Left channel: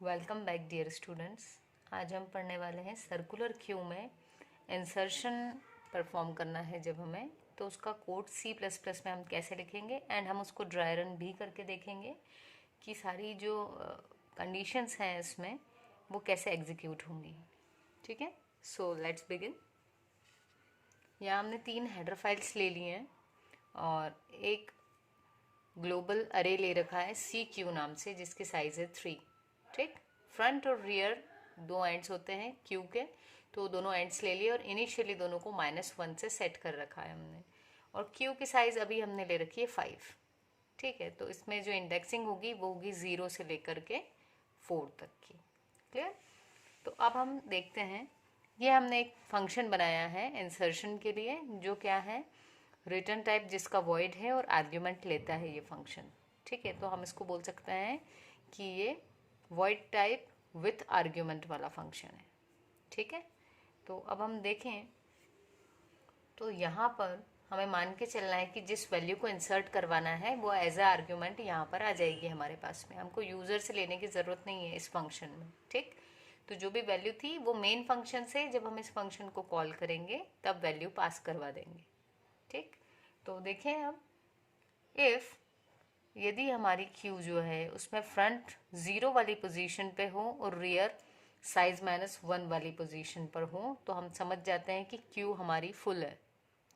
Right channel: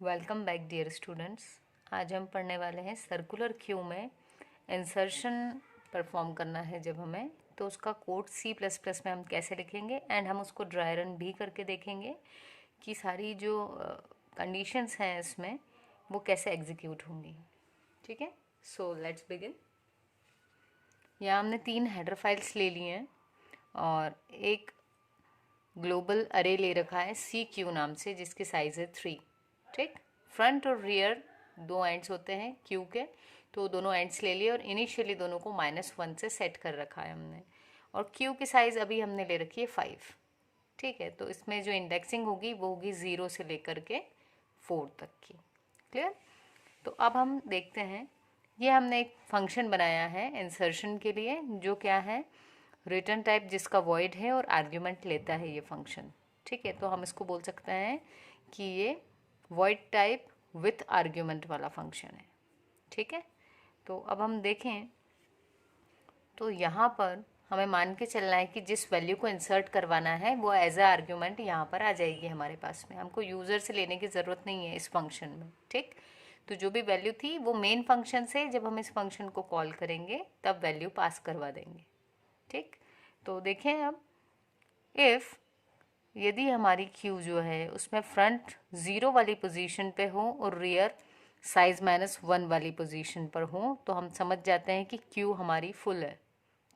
Welcome back dear students. आज हम पढ़ने वाले हैं सर्कुलर क्यू में इंसर्शन परफॉर्म करना है जब हमें, तो उसका कोड C++ में हम कैसे लिखेंगे एंड हम उसको ड्राई रन भी करके देखेंगे कि सारी जो कंडीशंस हैं इसमें वो कैसे एग्जीक्यूट होंगी। ठीक है, सो लेट्स बिगिन। यहाँ हमने 3 हेडर फाइल्स ले लिए हैं और एक ग्लोबल अरे ले रखा है CQ नाम से, जिसकी साइज है 3। ठीक, फ्रंट और रियर दो एंड्स होते हैं क्यू के, तो दोनों एंड्स ले लिए और इनिशियली दोनों को -1 से सेट कर रखा है हमने। और क्यू की साइज अभी हमने ले रखी है 5। ठीक है, तो इसमें जो इंडेक्सिंग होगी वो होगी 0 से लेकर के 4 तक की। क्लियर? तो अब हम देखते हैं, ये हमने एक फंक्शन बनाया है इंसर्शन के लिए, जो क्या है, रिटर्न टाइप जिसका वॉइड है और आर्ग्यूमेंट लेता है ये फंक्शन। ठीक है, तो हम इसको बोल सकते हैं कि ये वॉइड टाइप विथ आर्ग्यूमेंट वाला फंक्शन है। ठीक है, तो अब हम देखें तो यहाँ पर हमें मान के चलना है कि जिस वैल्यू को इंसर्ट करवाना है वो एज ए आर्ग्यूमेंट यहाँ पर आ जाएगी हमारे पास में। हमको यूज़र से लेने की ज़रूरत नहीं है इस फंक्शन में। ठीक, तो जो भी वैल्यू थी वो मेन फंक्शन से जब हम इस फंक्शन को कॉल करेंगे तब वैल्यू पास करवा देंगे। ठीक, तो देखें अब, इफ़ यदि हमारी क्यू जो है उसमें फ्रंट 0 वाली पोजीशन पे हो और रियर साइज -1 वाली पोजीशन पर हो, तो हम समझ जाते हैं कि क्यू हमारी फुल है।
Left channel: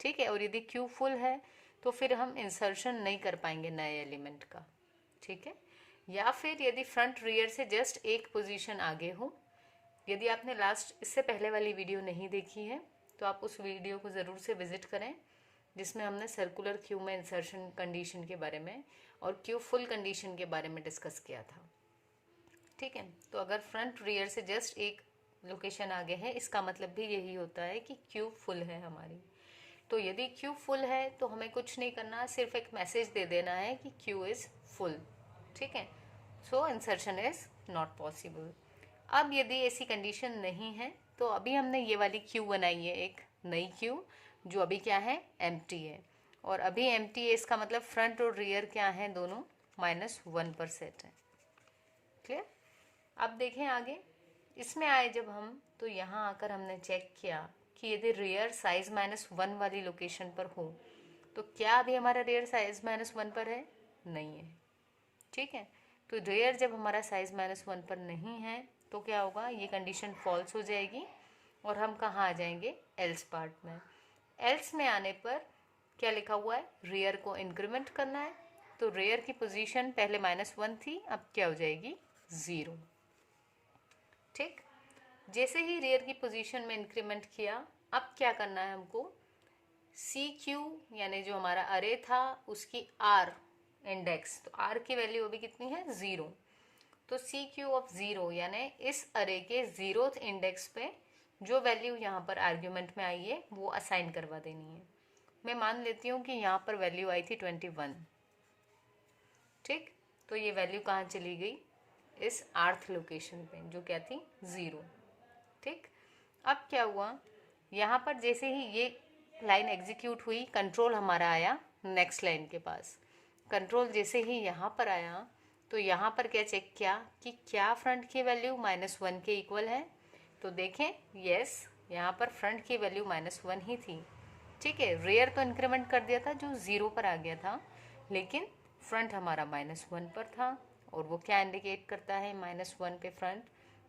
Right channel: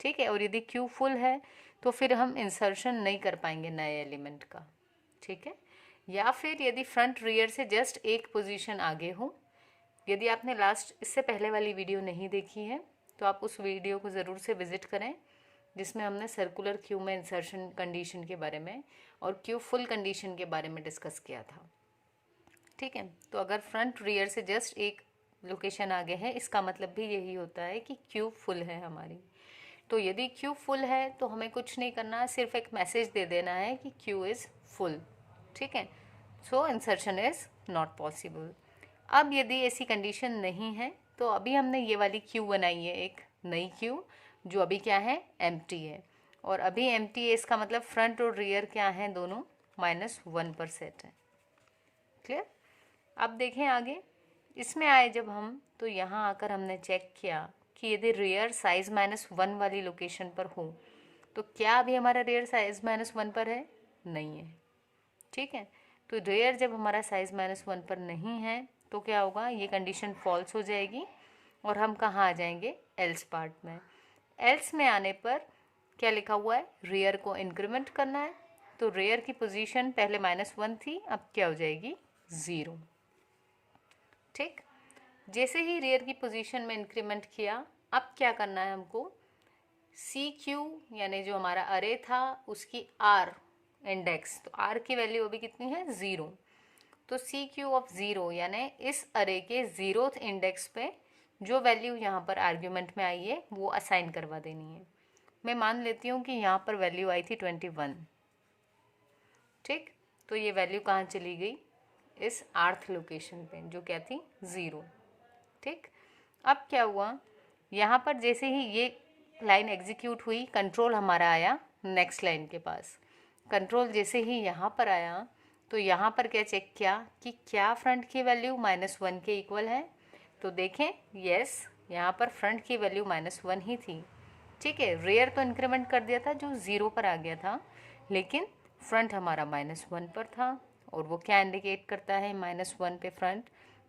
ठीक है, और यदि क्यू फुल है तो फिर हम इंसर्शन नहीं कर पाएंगे नए एलिमेंट का। ठीक है, या फिर यदि फ्रंट रियर से जस्ट एक पोजीशन आगे हो। यदि आपने लास्ट इससे पहले वाली वीडियो नहीं देखी है तो आप उस वीडियो को ज़रूर से विजिट करें, जिसमें हमने सर्कुलर क्यू में इंसर्शन कंडीशन के बारे में और क्यू फुल कंडीशन के बारे में डिस्कस किया था। ठीक है, तो अगर फ्रंट रियर से जस्ट एक लोकेशन आगे है, इसका मतलब भी यही होता है कि क्यू फुल है हमारी। तो यदि क्यू फुल है तो हमें कुछ नहीं करना है, सिर्फ एक मैसेज दे देना है कि क्यू इज़ फुल। ठीक है, सो इंसर्शन इज़ नॉट पॉसिबल। अब यदि ऐसी कंडीशन नहीं है तो अभी हमने ये वाली क्यू बनाई है, एक नई क्यू जो अभी क्या है, एम्प्टी है। और अभी एम्प्टी है, इसका मतलब फ्रंट और रियर क्या है, दोनों -1 पर सेट है। क्लियर? अब देखें आगे, इसमें आए जब हम, तो यहाँ आकर हमने चेक किया कि यदि रियर साइज -1 वाली लोकेशन पर हो तो क्या अभी हमारा रियर साइज -1 पर है? नहीं है। ठीक है, तो रियर जब हमारा साइज -1 पर नहीं है तो क्या होगा, ये कंडीशन फॉल्स हो जाएगी और हम कहाँ आ जाएंगे, एल्स पार्ट में। एल्स में आने पर क्या लिखा हुआ है, रियर को इंक्रीमेंट करना है। तो रियर की पोजीशन पहले -1 थी, अब क्या हो जाएगी, 0। ठीक, जैसे ही रियर की पोजीशन में इंक्रीमेंट किया, अब क्या करना है हमको, CQ यानी जो हमारा अरे था उसकी R इंडेक्स, तो R की वैल्यू अभी कितनी है, 0। तो CQ ऑफ 0 यानी इस अरे के 0th इंडेक्स पे जो वैल्यू यहाँ पर आर्ग्यूमेंट में आई है वो असाइन करवा देनी है। मैं मान लेती हूँ कि यहाँ पर वैल्यू आई थी 21। ठीक, तो ये वैल्यू कहाँ चली गई, इस 8th लोकेशन पे, जो क्या थी, 0। ठीक, अब क्या हुआ, यहाँ पर जैसे ही ये लाइन एग्जीक्यूट हुई, कंट्रोल हमारा आया नेक्स्ट लाइन के पास। कंट्रोल जैसे ही यहाँ पर आया तो यहाँ पर क्या चेक किया कि क्या फ्रंट की वैल्यू -1 के इक्वल है। तो देखें, यस, यहाँ पर फ्रंट की वैल्यू -1 ही थी। ठीक है, रियर तो इंक्रीमेंट कर दिया था जो 0 पर आ गया था, लेकिन फ्रंट हमारा -1 पर था। और वो क्या इंडिकेट करता है, -1 पे फ्रंट,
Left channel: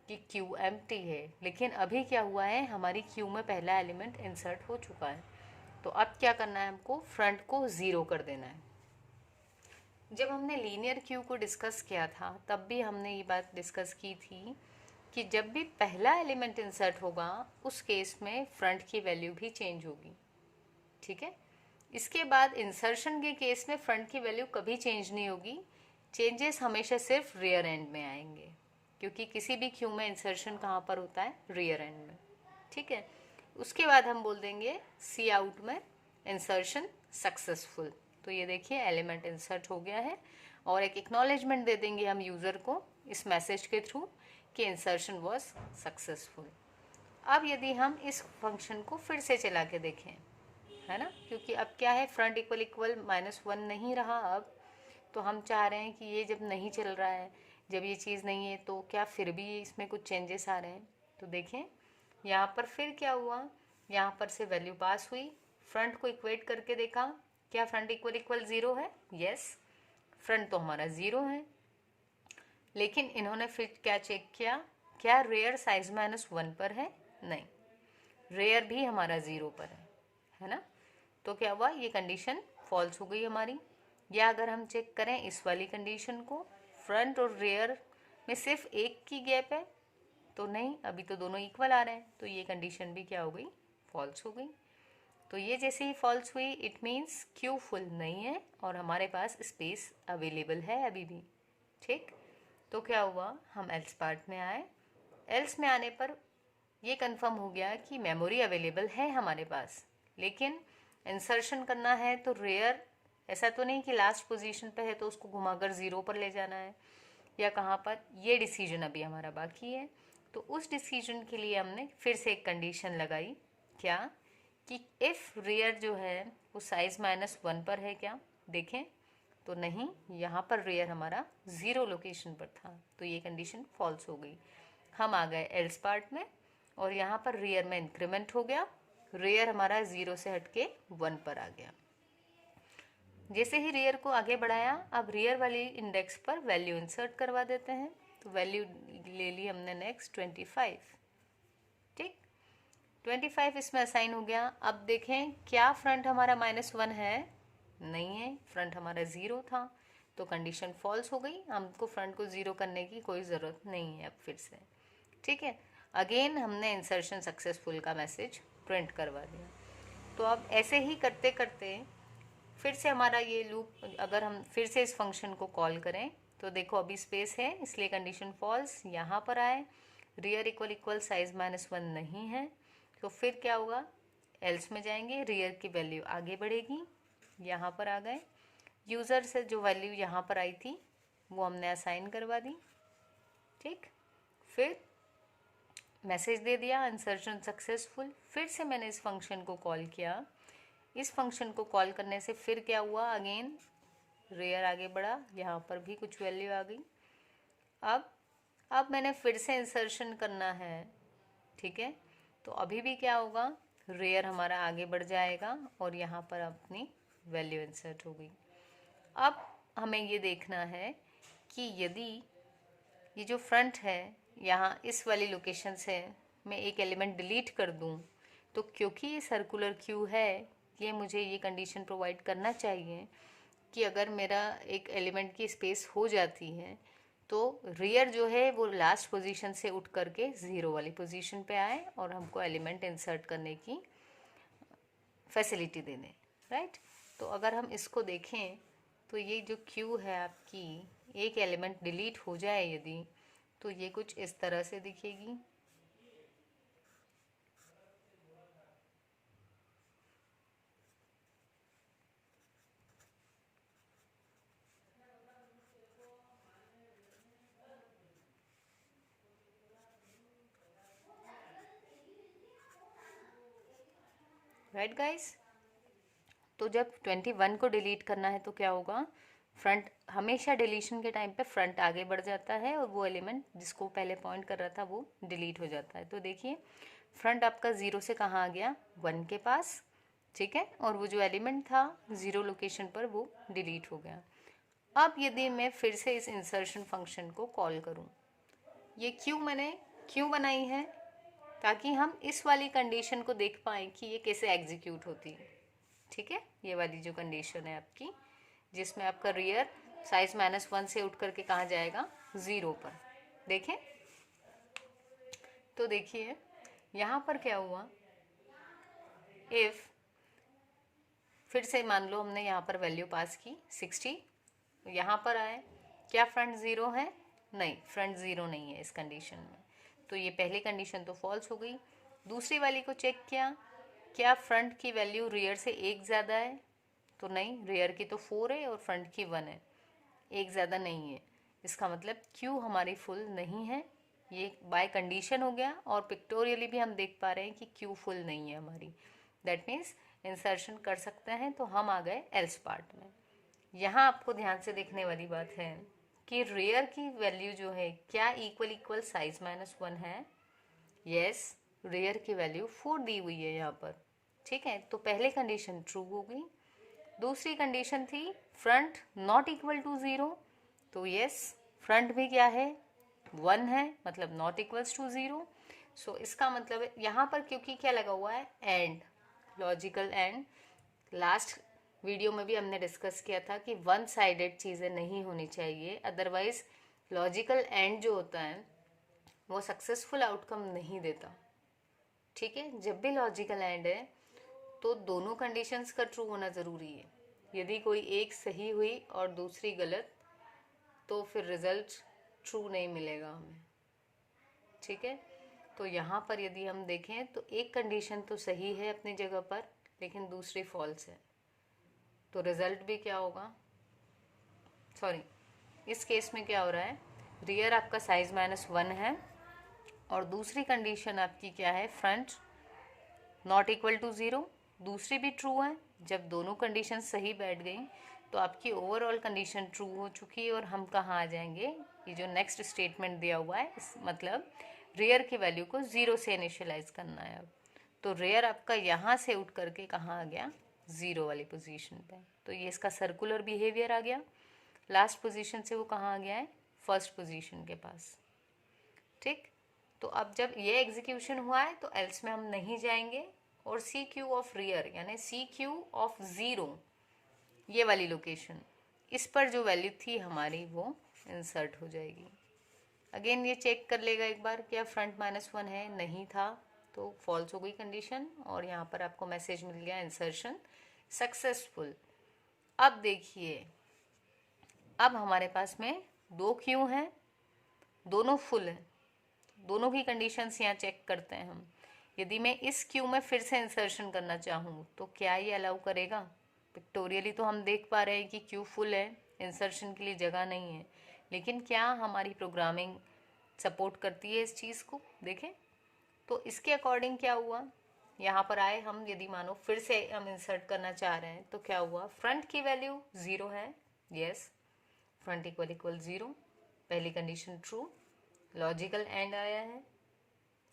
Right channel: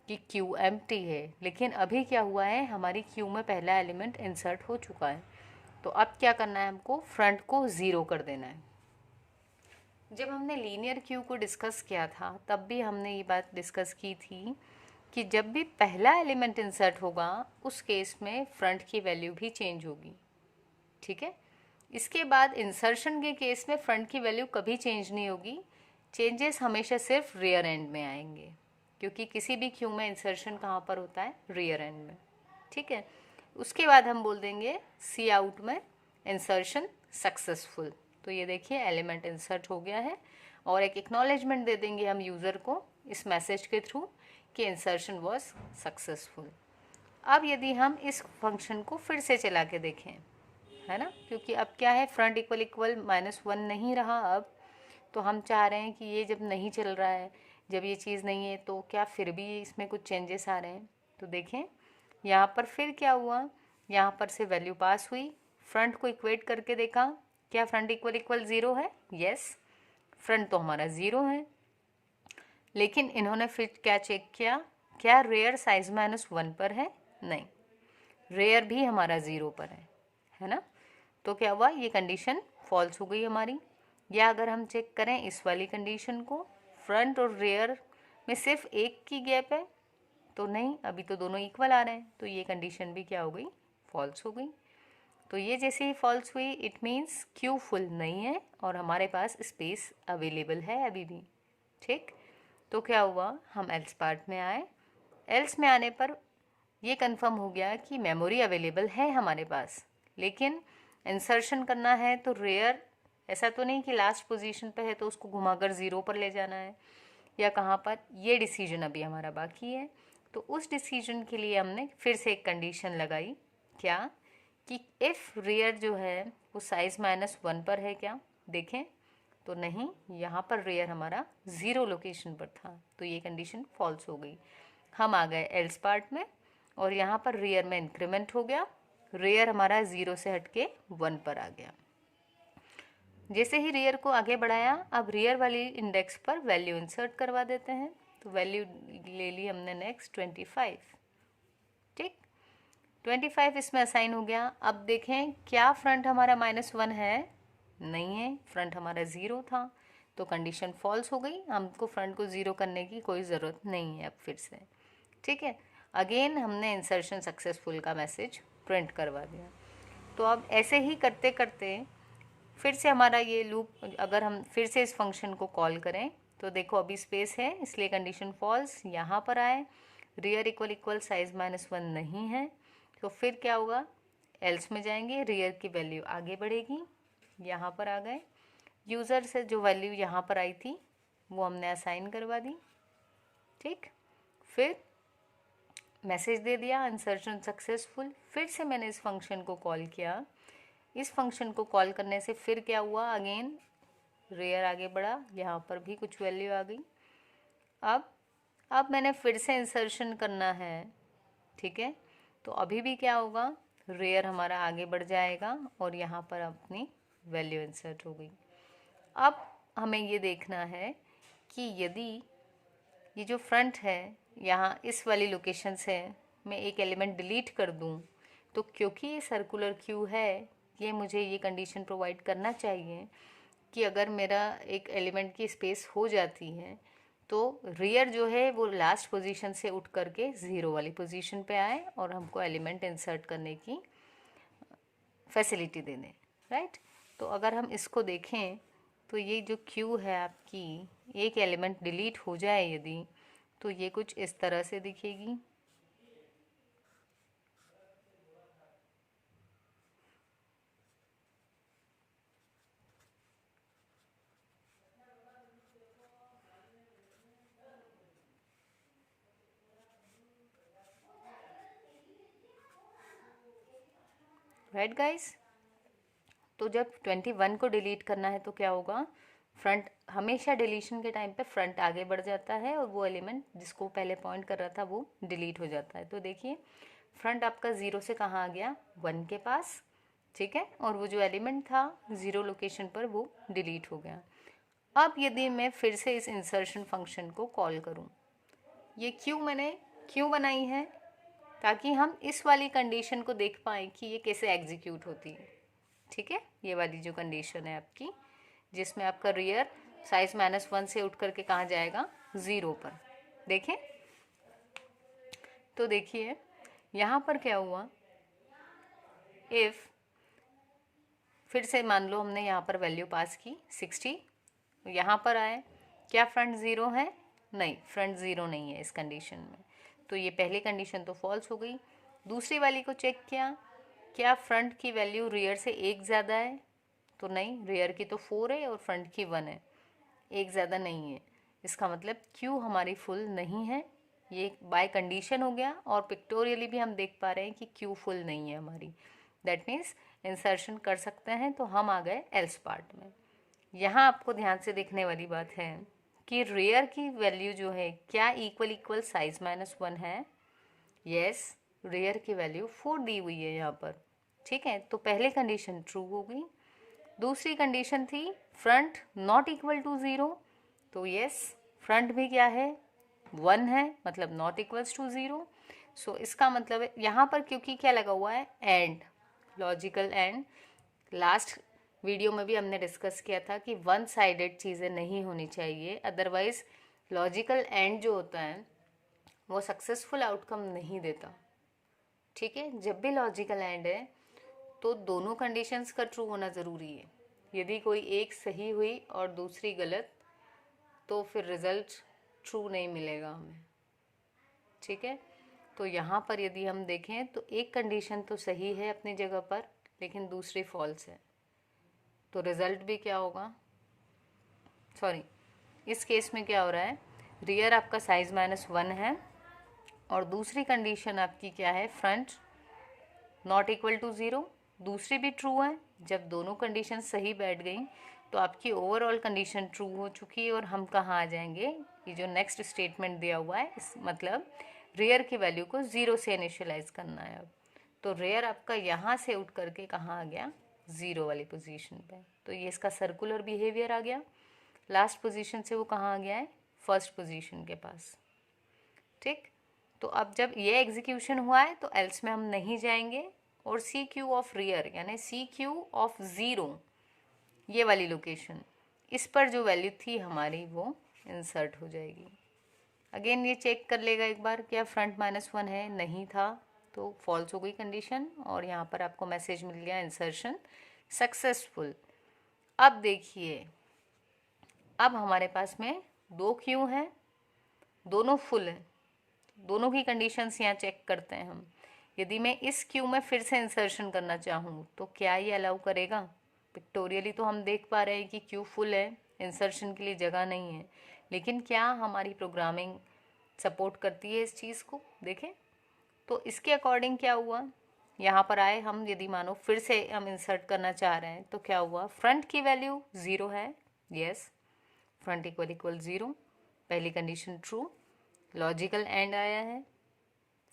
कि क्यू एम्प्टी है। लेकिन अभी क्या हुआ है, हमारी क्यू में पहला एलिमेंट इंसर्ट हो चुका है। तो अब क्या करना है, हमको फ्रंट को 0 कर देना है। जब हमने लीनियर क्यू को डिस्कस किया था तब भी हमने ये बात डिस्कस की थी कि जब भी पहला एलिमेंट इंसर्ट होगा उस केस में फ्रंट की वैल्यू भी चेंज होगी। ठीक है, इसके बाद इंसर्शन के केस में फ्रंट की वैल्यू कभी चेंज नहीं होगी, चेंजेस हमेशा सिर्फ रियर एंड में आएंगे, क्योंकि किसी भी क्यू में इंसर्शन कहाँ पर होता है, रियर एंड में। ठीक है, उसके बाद हम बोल देंगे सी आउट में इंसर्शन सक्सेसफुल। तो ये देखिए एलिमेंट इंसर्ट हो गया है और एक एक्नॉलेजमेंट दे देंगे हम यूज़र को इस मैसेज के थ्रू कि इंसर्शन वॉज सक्सेसफुल। अब यदि हम इस फंक्शन को फिर से चला के देखें, है ना, क्योंकि अब क्या है, फ्रंट इक्वल -1 नहीं रहा अब, तो हम चाह रहे हैं कि ये जब नहीं चल रहा है जब ये चीज़ नहीं है तो क्या फिर भी इसमें कुछ चेंजेस आ रहे हैं? तो देखें यहाँ पर फिर क्या हुआ, यहाँ पर से वैल्यू पास हुई, फ्रंट को इक्वेट करके देखा, क्या फ्रंट इक्वल इक्वल ज़ीरो है? यस, फ्रंट तो हमारा ज़ीरो है। लेकिन इन्होंने फिर क्या चेक किया, क्या रेयर साइज -1 पर है? नहीं, रेयर भी हमारा ज़ीरो पर है ना। तो क्या हुआ, ये कंडीशन फॉल्स हो गई हमारी। या अगर हम चेक करें इस वाली कंडीशन को, फ्रंट और रेयर में सिर्फ एक की गैप है, तो नहीं, अभी तो दोनों इक्वल आ रहे हैं, तो ये कंडीशन भी क्या हो गई, फॉल्स हो गई। तो ये जैसे ही फॉल्स हुई, इट मीन्स क्यू फुल नहीं है और हमारे पास स्पेस अवेलेबल है अभी भी। ठीक, तो क्या हुआ, हम एल्स पार्ट में आए। एल्स में आने पर ये कंफर्म हो गया कि मेमोरी अवेलेबल है हमारे पास, लेकिन इंसर्शन करना है तो रेयर, ऐसा तो नहीं कि लास्ट पोजीशन पे है तो उसको घुमाकर ज़ीरो पर ले जाना है या कहाँ पर, ये डिसीजन अभी हमारा बाकी है। तो उस डिसीजन के लिए हमने फिर से एक कंडीशन लगाई, क्या, कि इफ़ रेयर जो है वो साइज -1 पर है क्या, देखें तो नहीं, यहाँ पर रेयर हमारा ज़ीरो लोकेशन पर था, तो ये कंडीशन फॉल्स हो गई। हम आ गए एल्स पार्ट में और यहाँ पर रेयर में इंक्रीमेंट हो गया, रेयर हमारा 0 से हटके 1 पर आ गया। जैसे ही रेयर को आगे बढ़ाया, अब रेयर वाली इंडेक्स पर वैल्यू इंसर्ट करवा देते हैं। तो वैल्यू ले ली हमने नेक्स्ट 25। ठीक, 25 इसमें असाइन हो गया। अब देखें क्या फ्रंट हमारा -1 है? नहीं है, फ्रंट हमारा 0 था, तो कंडीशन फॉल्स हो गई। हमको फ्रंट को 0 करने की कोई ज़रूरत नहीं है अब फिर से। ठीक है, अगेन हमने इंसर्शन सक्सेसफुल का मैसेज प्रिंट करवा दिया। तो अब ऐसे ही करते करते फिर से हमारा ये लूप, अगर हम फिर से इस फंक्शन को कॉल करें तो देखो अभी स्पेस है, इसलिए कंडीशन फॉल्स। यहाँ पर आए, रियर इक्वल इक्वल साइज -1 नहीं है, तो फिर क्या होगा, एल्स में जाएंगे, रियर की वैल्यू आगे बढ़ेगी, यहाँ पर आ गए, यूज़र से जो वैल्यू यहाँ पर आई थी वो हमने असाइन करवा दी। ठीक, फिर मैसेज दे दिया इंसर्शन सक्सेसफुल। फिर से मैंने इस फंक्शन को कॉल किया। इस फंक्शन को कॉल करने से फिर क्या हुआ, अगेन रेयर आगे बढ़ा, यहाँ पर भी कुछ वैल्यू आ गई। अब मैंने फिर से इंसर्शन करना है। ठीक है, तो अभी भी क्या होगा, रेयर हमारा आगे बढ़ जाएगा और यहाँ पर अपनी वैल्यू इंसर्ट हो गई। अब हमें ये देखना है कि यदि ये जो फ्रंट है यहाँ इस वाली लोकेशन से मैं एक एलिमेंट डिलीट कर दूँ, तो क्योंकि ये सर्कुलर क्यू है, ये मुझे ये कंडीशन प्रोवाइड करना चाहिए कि अगर मेरा एक एलिमेंट की स्पेस हो जाती है तो रियर जो है वो लास्ट पोजीशन से उठ करके 0 वाली पोजीशन पे आए और हमको एलिमेंट इंसर्ट करने की फैसिलिटी दे दें, राइट। तो अगर हम इसको देखें तो ये जो क्यू है आपकी, एक एलिमेंट डिलीट हो जाए यदि, तो ये कुछ इस तरह से दिखेगी। राइट गाइस, तो जब 21 को डिलीट करना है तो क्या होगा, फ्रंट हमेशा डिलीशन के टाइम पे फ्रंट आगे बढ़ जाता है और वो एलिमेंट जिसको पहले पॉइंट कर रहा था वो डिलीट हो जाता है। तो देखिए फ्रंट आपका 0 से कहाँ आ गया, 1 के पास। ठीक है, और वो जो एलिमेंट था 0 लोकेशन पर वो डिलीट हो गया। अब यदि मैं फिर से इस इंसर्शन फंक्शन को कॉल करूँ, ये मैंने क्यों बनाई है, ताकि हम इस वाली कंडीशन को देख पाएँ कि ये कैसे एग्जीक्यूट होती है। ठीक है, ये वाली जो कंडीशन है आपकी, जिसमें आपका रियर साइज -1 से उठ करके कहाँ जाएगा, 0 पर। देखें तो देखिए यहाँ पर क्या हुआ, इफ़ फिर से मान लो हमने यहाँ पर वैल्यू पास की 60, यहाँ पर आए, क्या फ्रंट 0 है? नहीं, फ्रंट 0 नहीं है इस कंडीशन में, तो ये पहली कंडीशन तो फॉल्स हो गई। दूसरी वाली को चेक किया, क्या फ्रंट की वैल्यू रियर से एक ज़्यादा है? तो नहीं, रियर की तो 4 है और फ्रंट की 1 है, एक ज़्यादा नहीं है। इसका मतलब क्यू हमारी फुल नहीं है, ये बाय कंडीशन हो गया, और पिक्टोरियली भी हम देख पा रहे हैं कि क्यू फुल नहीं है हमारी। दैट मीन्स इंसर्शन कर सकते हैं। तो हम आ गए एल्स पार्ट में। यहाँ आपको ध्यान से देखने वाली बात है कि रेयर की वैल्यू जो है क्या इक्वल साइज -1 है। यस, रेयर की वैल्यू 4 दी हुई है यहाँ पर। ठीक है, तो पहली कंडीशन ट्रू हो गई। दूसरी कंडीशन थी फ्रंट नॉट इक्वल टू 0, तो यस फ्रंट भी क्या है 1 है, मतलब नॉट इक्वल्स टू 0। सो इसका मतलब है यहाँ पर क्योंकि क्या लगा हुआ है and, logical and. Last video में भी हमने डिस्कस किया था कि वन साइडेड चीज़ें नहीं होनी चाहिए, अदरवाइज लॉजिकल एंड जो होता है वो सक्सेसफुल आउटकम नहीं देता। ठीक है, जब भी लॉजिकल एंड है तो दोनों कंडीशंस का ट्रू होना ज़रूरी है। यदि कोई एक सही हुई और दूसरी गलत तो फिर रिजल्ट ट्रू नहीं मिलेगा हमें। ठीक है, तो यहाँ पर यदि हम देखें तो एक कंडीशन तो सही है अपनी जगह पर, लेकिन दूसरी फॉल्स है, तो रिजल्ट भी क्या होगा, सॉरी इस केस में क्या हो रहा है, रियर आपका साइज -1 है और दूसरी कंडीशन आपकी क्या है, फ्रंट नॉट इक्वल टू 0, दूसरी भी ट्रू है। जब दोनों कंडीशन सही बैठ गई तो आपकी ओवरऑल कंडीशन ट्रू हो चुकी है और हम कहाँ आ जाएंगे, ये जो नेक्स्ट स्टेटमेंट दिया हुआ है इस मतलब रेयर की वैल्यू को 0 से इनिशियलाइज करना है। अब तो रेयर आपका यहाँ से उठ करके कहाँ आ गया, 0 वाली पोजीशन पे। तो ये इसका सर्कुलर बिहेवियर आ गया, लास्ट पोजीशन से वो कहाँ आ गया है, फर्स्ट पोजीशन के पास। ठीक, तो अब जब ये एग्जीक्यूशन हुआ है तो एल्स में हम नहीं जाएंगे और सी क्यू ऑफ रियर यानी सी क्यू ऑफ 0 ये वाली लोकेशन, इस पर जो वैल्यू थी हमारी वो इंसर्ट हो जाएगी। अगेन ये चेक कर लेगा एक बार, क्या फ्रंट -1 है, नहीं था तो फॉल्स हो गई कंडीशन और यहाँ पर आपको मैसेज मिल गया इंसर्शन सक्सेसफुल। अब देखिए, अब हमारे पास में 2 क्यू हैं, दोनों फुल हैं, दोनों की कंडीशंस यहाँ चेक करते हैं हम। यदि मैं इस क्यू में फिर से इंसर्शन करना चाहूँ तो क्या ये अलाउ करेगा। पिक्टोरियली तो हम देख पा रहे हैं कि क्यू फुल है, इंसर्शन के लिए जगह नहीं है, लेकिन क्या हमारी प्रोग्रामिंग सपोर्ट करती है इस चीज़ को, देखें। तो इसके अकॉर्डिंग क्या हुआ, यहाँ पर आए हम, यदि मानो फिर से हम इंसर्ट करना चाह रहे हैं तो क्या हुआ, फ्रंट की वैल्यू 0 है, यस फ्रंट इक्वल 0, पहली कंडीशन ट्रू, लॉजिकल एंड आया है।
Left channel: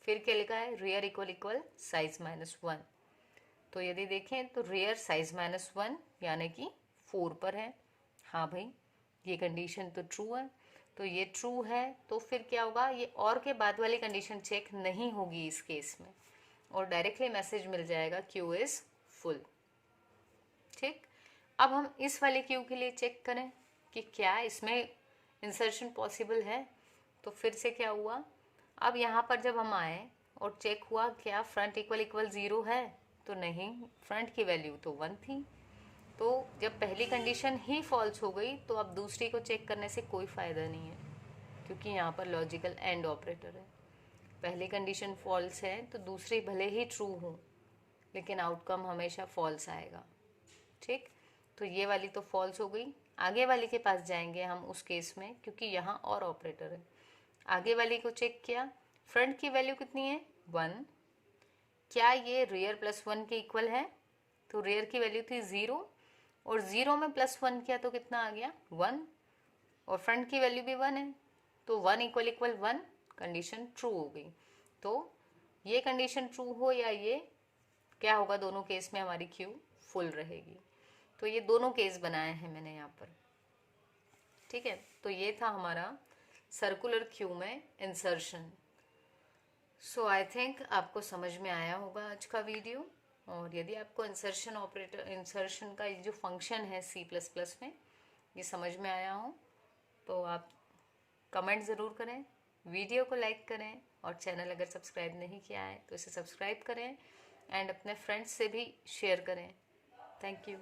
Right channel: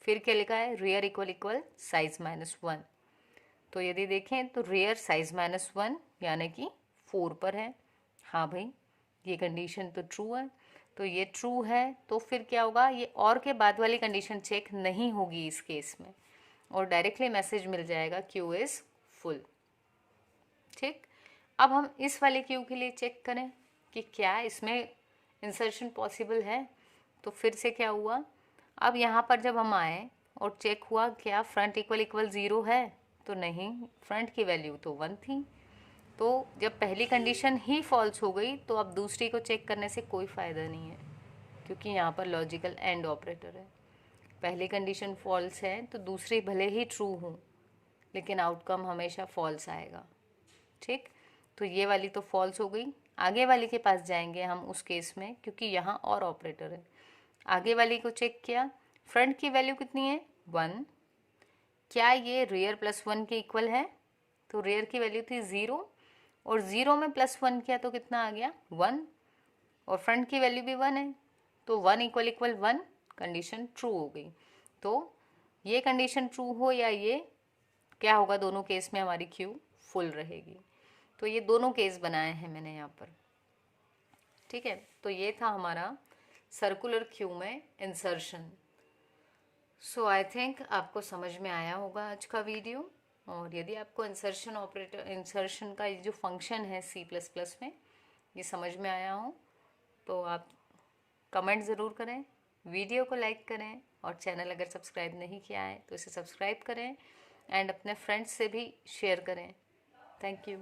फिर क्या लिखा है, रेयर इक्वल साइज -1। तो यदि देखें तो रेयर साइज -1 यानी कि 4 पर है। हाँ भाई, ये कंडीशन तो ट्रू है, तो ये ट्रू है तो फिर क्या होगा, ये और के बाद वाली कंडीशन चेक नहीं होगी इस केस में और डायरेक्टली मैसेज मिल जाएगा क्यू इज फुल। ठीक, अब हम इस वाले क्यू के लिए चेक करें कि क्या इसमें इंसर्शन पॉसिबल है। तो फिर से क्या हुआ, अब यहाँ पर जब हम आए और चेक हुआ क्या फ्रंट इक्वल 0 है, तो नहीं, फ्रंट की वैल्यू तो 1 थी। तो जब पहली कंडीशन ही फॉल्स हो गई तो अब दूसरी को चेक करने से कोई फ़ायदा नहीं है, क्योंकि यहाँ पर लॉजिकल एंड ऑपरेटर है। पहली कंडीशन फॉल्स है तो दूसरी भले ही ट्रू हो लेकिन आउटकम हमेशा फॉल्स आएगा। ठीक, तो ये वाली तो फॉल्स हो गई। आगे वाली के पास जाएंगे हम उस केस में, क्योंकि यहाँ और ऑपरेटर है। आगे वाली को चेक किया, फ्रंट की वैल्यू कितनी है 1, क्या ये रेयर +1 के इक्वल है, तो रेयर की वैल्यू थी 0 और 0 में +1 किया तो कितना आ गया 1 और फ्रंट की वैल्यू भी 1 है, तो 1 इक्वल 1, कंडीशन ट्रू हो गई। तो ये कंडीशन ट्रू हो या ये, क्या होगा, दोनों केस में हमारी क्यू फुल रहेगी। तो ये दोनों केस बनाए हैं मैंने यहाँ पर। ठीक है, तो ये था हमारा सर्कुलर क्यू में इंसर्शन। सो आई थिंक आपको समझ में आया होगा आज का वीडियो। और यदि आपको इंसर्शन का ये जो फंक्शन है C++ में ये समझ में आया हो तो आप कमेंट ज़रूर करें, वीडियो को लाइक करें और चैनल अगर सब्सक्राइब नहीं किया है तो इसे सब्सक्राइब करें एंड अपने फ्रेंड्स से भी शेयर करें। Thank you.